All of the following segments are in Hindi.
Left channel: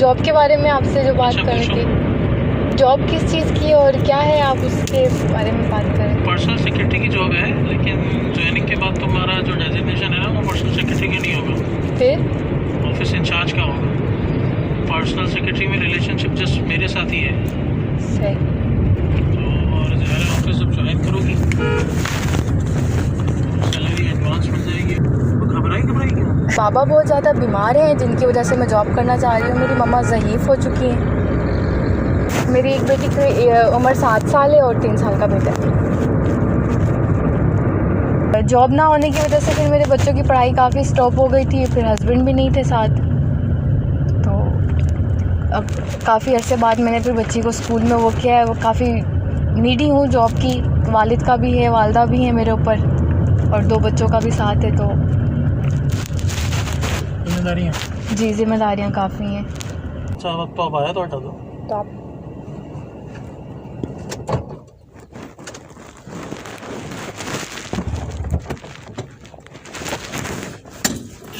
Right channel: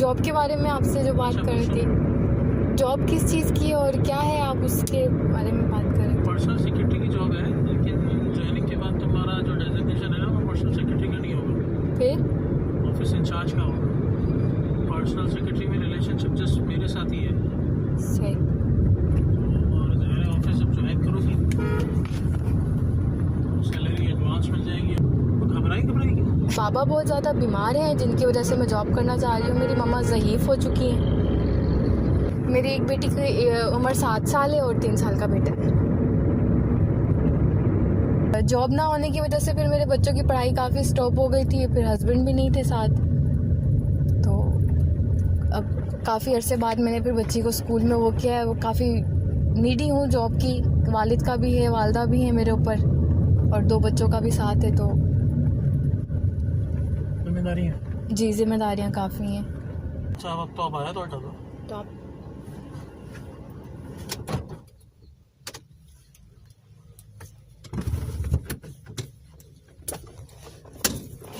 जॉब के बारे में आपसे जो बात कर रही थी, जॉब किस चीज़ की और क्या है, आप उसके बारे में बात करें। पर्सनल सेक्रेटरी की जॉब है, लेकिन ज्वाइनिंग के बाद तुम्हारा जो डेजिग्नेशन है ना वो पर्सनल सेक्रेटरी का नहीं होगा, फिर ऑफिस इंचार्ज का होगा। पर्सनल सेक्रेटरी में रिलेशनशिप जस्ट मेरे साथ ही है। सही। तो और जो है ऑफिस जब ज्वाइन करोगी सैलरी एडवांस मिल जाएगी। तो घबराई क्यों? पापा बहुत ज़्यादा बीमार हैं, जिनकी वजह से मैं जॉब करना चाह रही हूँ। मेरी मम्मा ज़ईफ़ हो चुकी हैं। मेरी एक बेटी की उम्र 7 साल है और 3 साल का बेटा है। जॉब ना होने की वजह से फिर मेरे बच्चों की पढ़ाई काफ़ी स्टॉप हो गई थी, फिर हस्बैंड भी नहीं थे साथ। तो अब काफ़ी अरसे बाद मैंने फिर बच्ची को स्कूल में वो किया है। वो काफ़ी नीडी हूँ जॉब की, वालिद का भी है, वालदा भी है मेरे ऊपर, और 2 बच्चों का भी साथ है। तो जिम्मेदारियाँ जी, जिम्मेदारियाँ काफ़ी हैं। अच्छा वक्त तो अब आया तो हटा दो। तो आप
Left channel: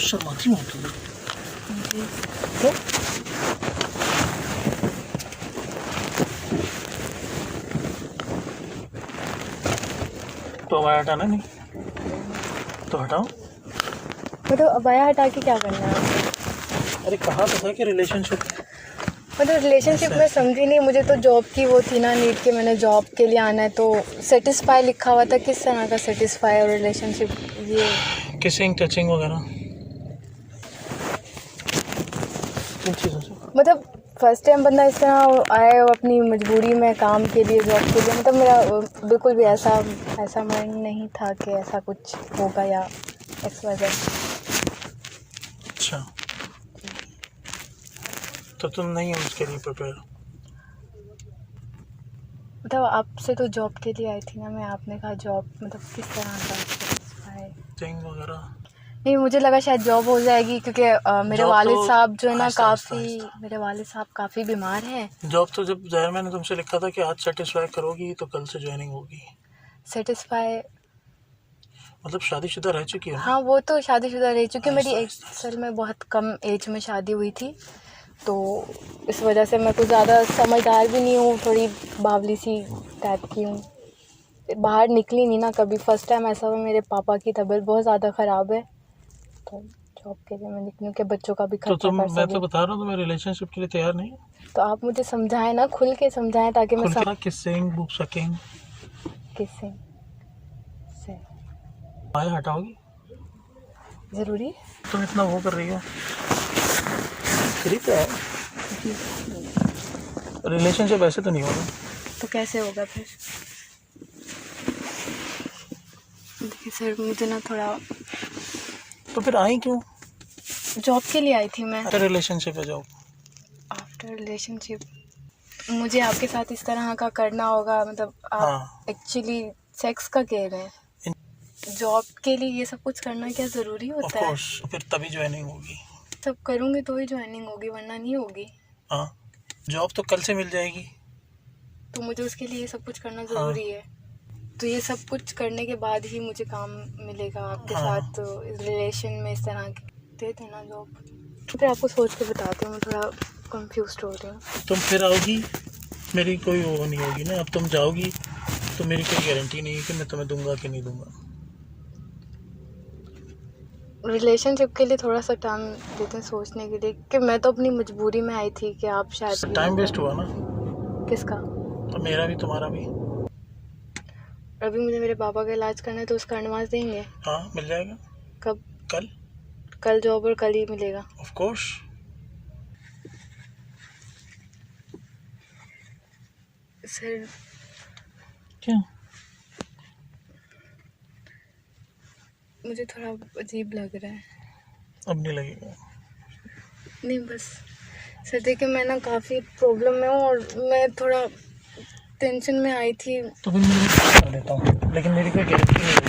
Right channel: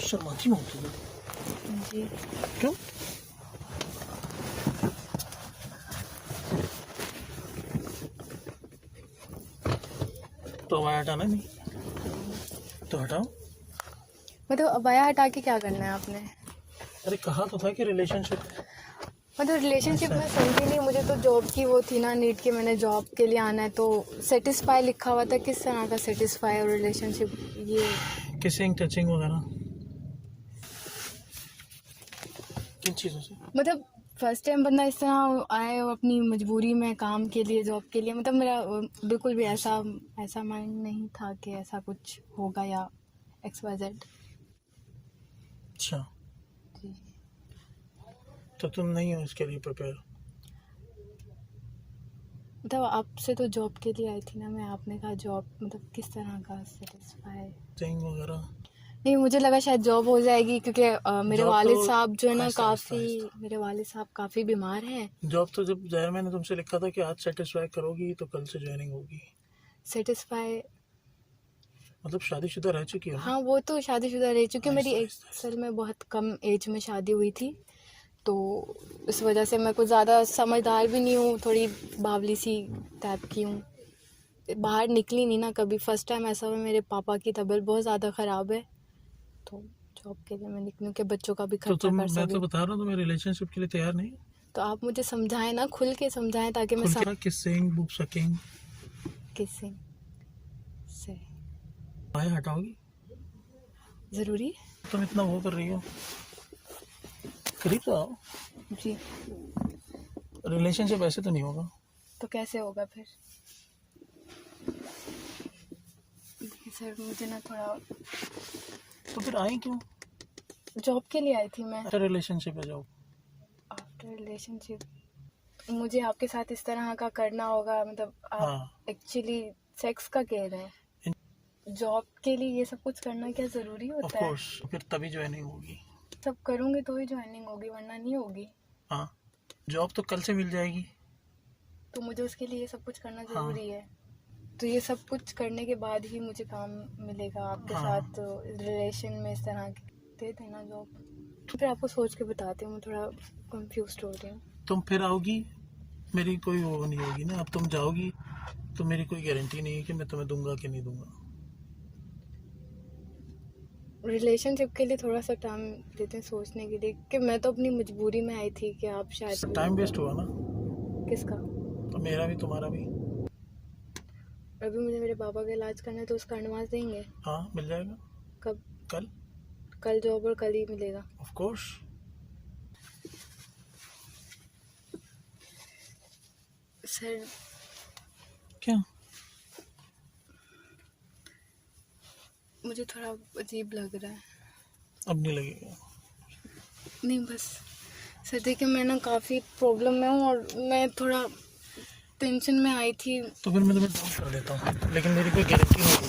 शर्माती हो तुम। तो अब आया हटाना नहीं तो हटाओ। मतलब अबाया हटा के क्या करना है आपको? अरे कहा तो था कि रिलेशनशिप। मतलब रिलेशनशिप में समझी नहीं। मुझे तो जॉब की वो थी ना नीड कि मैंने जॉब के लिए आना है, तो सेटिस्फाई लिखा हुआ था। किस तरह का सेटिस्फाई और रिलेशनशिप? ये किसिंग टचिंग वगैरह किन चीज़ों से? मतलब फर्स्ट टाइम बंदा इस तरह आए और अपनी मजबूरी में काम के लिए, जॉब के लिए, मतलब मेरा बिल्कुल भी ऐसा माइंड नहीं था कि ऐसा कुछ होगा या XYZ। अच्छा तो तुम नहीं हो उसके लिए प्रिपेयर? मतलब आपसे तो जॉब के लिए आई थी ना मैं, आपने कहा जॉब मतलब किस तरह का सेटिस्फाई? टचिंग वगैरह नहीं, मुझे लगा शायद जॉब हो जाएगी, क्योंकि मेरे जॉब वालिद तो साहब जो है ना आहिस्ता मेरे वालिद साहब काफ़ी बीमार हैं। जॉब तो जब ज़ाहिर मैंने तुमसे लिखा था कि आज सेटिस्फाई करोगी तो कल से ज्वाइनिंग होगी। सेटिस्फाई मतलब शादीशुदा रह चुकी हो ना? हाँ, वो तो शादीशुदा रही, चूँकि मेरी आहिस्ता असल में बहुत कम एज में शादी हुई थी, तो इस वजह से मैं कुछ ज़्यादा समझदार भी नहीं हूँ, थोड़ी बावली सी टाइप की हूँ। बाहर निकली नहीं ना कभी। फर्स्ट टाइम ऐसा हुआ, मेरे पापा की तबीयत बहुत ज़्यादा ख़राब है, तो जॉब के लिए मैं निकलूँ कि बच्चों का भी तो खर्चा तुम कर मैं तो सकूँ। बता रहा हूँ तुम्हें रिलेशनशिप के लिए तैयार नहीं। तो आप मुझे समझाएं ना, खुल के समझाएं, ताकि मैं खुल सब के किसिंग बुक सकिंग किसी से आया हटाओगी? ज़रूरी तुम इतना वो कर रही हो करीब तो है। रिलेशनशिप ऐसे तो नहीं होगा। तो कैसे होगा फिर? देखिए सर, मुझे ना थोड़ा तो फिर आई क्यों? जॉब के लिए आई थी मैं। आफ्टर रिलेशनशिप है जॉब। आफ्टर रिलेशनशिप मुझे आपके साथ इस तरह का करना होगा? मतलब आप हाँ एक्चुअली सेक्स का कह रहे हैं? जॉब के लिए ये सब कुछ करना क्या ज़रूरी ऑफ होता है? कोर्स फिर तभी ज्वाइनिंग होगी। सब करूँगी तो ही ज्वाइनिंग होगी, वरना नहीं होगी। हाँ जॉब तो कल से मिल जाएगी। तो मुझे उसके लिए ये सब कुछ करना हाँ ज़रूरी है। तो ये सब कुछ करने के बाद ही मुझे काम मिलेगा आपके हाँ साथ इस रिलेशन में, इस तरह के दे देना जॉब। तो फिर आपको सोच के बताती हूँ, मैं थोड़ा कंफ्यूज हो रही हूँ। तुम फिर आओगी, मेरी कोई वो नहीं होगी ना। अब तुम जाओगी तो मेरी कोई गारंटी नहीं है कि मैं तुम्हें दूंगा कि नहीं दूंगा। रिलेशनशिप के लिए थोड़ा सा टाइम देते हैं सोचने के लिए, कि मैं तो अपनी मजबूरी में आई थी कि आप शायद टाइम वेस्ट हुआ ना, किसका? और मेरा भी तुम्हारा भी। अभी मुझे मेरे पापा का इलाज करना है, तो उसका एडवांस देंगे? हाँ मिल जाएगा। कब? कल। कल जॉब और कल ही मिलेगा? Of course. सर क्या? मुझे थोड़ा अजीब लग रहा है। अब नहीं लगेगा। नहीं बस सर, देखिए मैं ना काफ़ी प्रॉब्लम में हूँ, और मैं थोड़ा टेंशन में आई थी। तो फिर मैं कर देता हूँ, लेकिन मेरी कोई गारंटी नहीं